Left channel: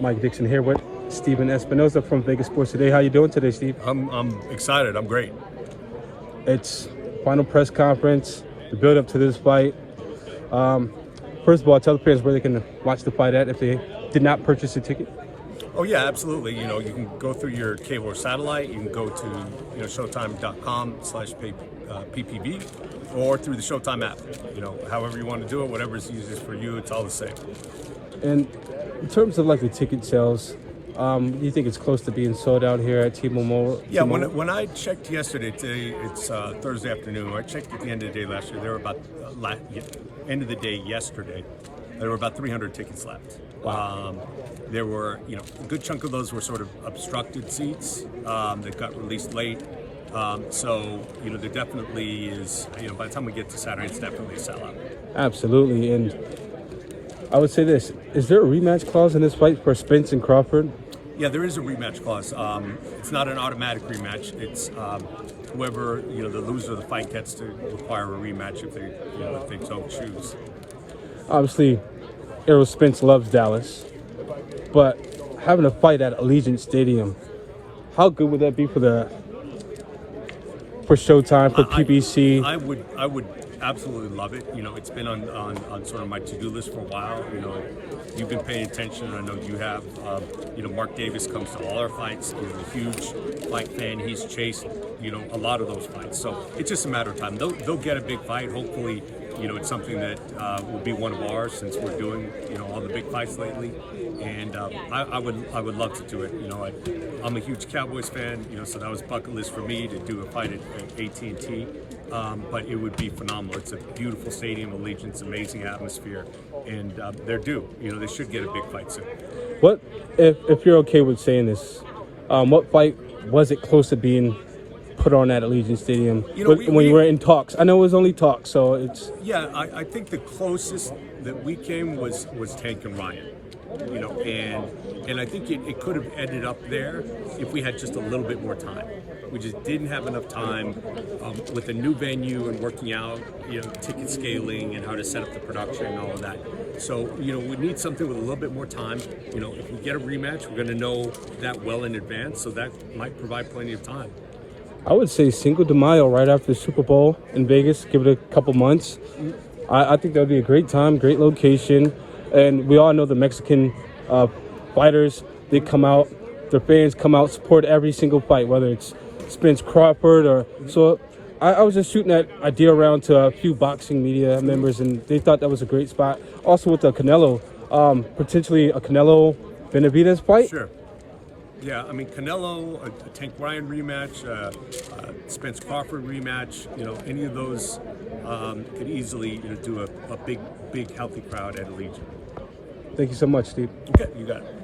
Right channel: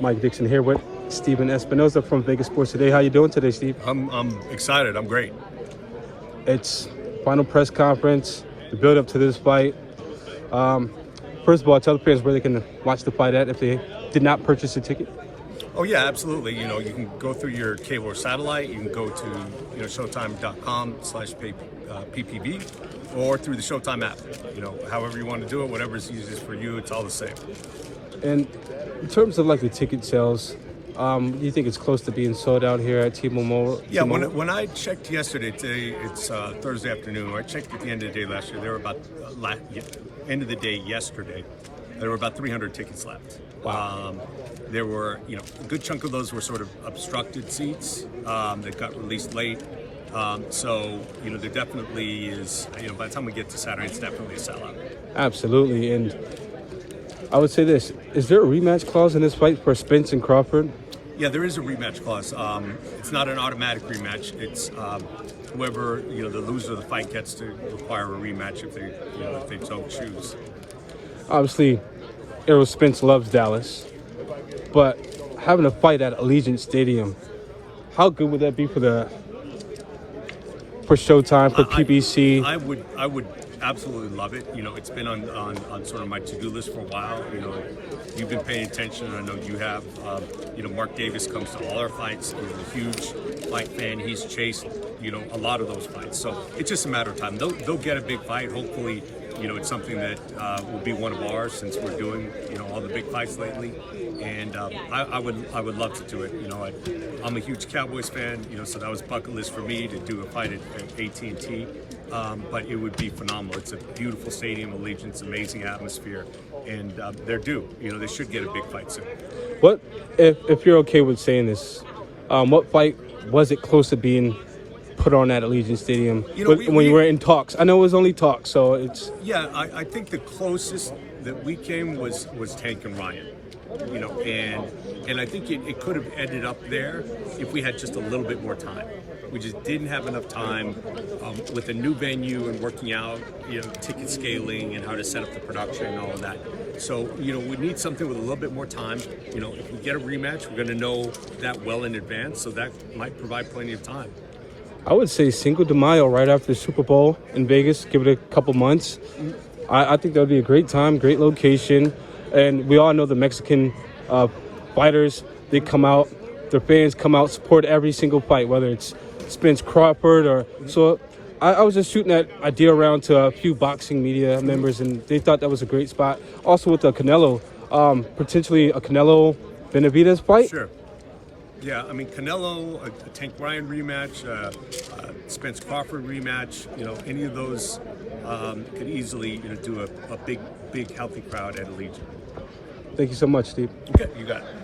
Mike Dixon here with Steven Espinoza from Vegas Sports Today. How you doing today, Steve? I'm excited. I'm great. It's final press conference, the build up to this fight. First of all, tell the fans where they can watch the fight at if they did not purchase a ticket. Oh yeah, absolutely. You can go through your cable or satellite. You can go to showtime.com/PPV or through the Showtime app. However you want to do it, whatever's easiest for you, it's all the same. And in terms of like the ticket sales, do you think it's close to being sold out here at T-Mobile? Yeah, when I checked yesterday, today it's Thursday afternoon. When I checked at the end of the day last year, there were about end of the day yesterday, there were about 300 tickets left. Wow. There were, a good chunk of those were sort of obstructed seats that got released late. So, there definitely is, by the time we get to Saturday, it's definitely a sellout. Absolutely. And I would say this, is there a rematch clause in this fight for Spence and Crawford? Yeah, there is a rematch clause. It's not an automatic rematch. It's whoever, the loser of the fight gets to require a rematch if they so choose. Obviously, Errol Spence loves Dallas, but having a fight at Allegiant Stadium, how good would that be for Showtime, for PBC? I would absolutely love it. It's been on sort of my to-do list for a while. You've been paying attention, I know you have. Mark Davis comes to all our fights. He's a huge fight fan. He's chased, a lot of those fights. So it's just a matter of time. They'll get a big fight. Hopefully, it's something that will be one of ours since we're doing, all the big fights lately. And I would love to do it. I'm a huge Cowboys fan, so that was bucket list for me to do a fight at AT&T. But it would be phenomenal. It's a beautiful stadium, Allegiant's amazing atmosphere, and they're due. They should get a big fight soon. What, if you're okay with saying this, what fight was it close to being put on at Allegiant Stadium when you were in talks? I know it was only talks, so it's... Yeah, I think the closest that we came was Tank and Ryan. And I think it could have ended up there if we had just a little bit more time. We just didn't have enough time with the new venue and working out, ticket scaling and how to set up the production and all of that. So, we need something with a little bit more time. If we get a rematch, we're going to know that well in advance, so that might provide plenty of time. I would say Cinco de Mayo, right after the Super Bowl in Vegas. Give it a couple months. I think that would be a great time, great location. And we all know the Mexican fighters, they come out, their fans come out, support every single fight, whether it's Spence Crawford or... So I was just shooting that idea around to a few boxing media members, and they thought that was a great spot. Also with the Canelo, potentially a Canelo Benavidez fight. Sure. Yeah, I mean, Canelo, a Tank Ryan rematch, Spence Crawford rematch, any of those could easily do a big, healthy crowd at Allegiant. Thank you so much, Steve. Okay, you got it.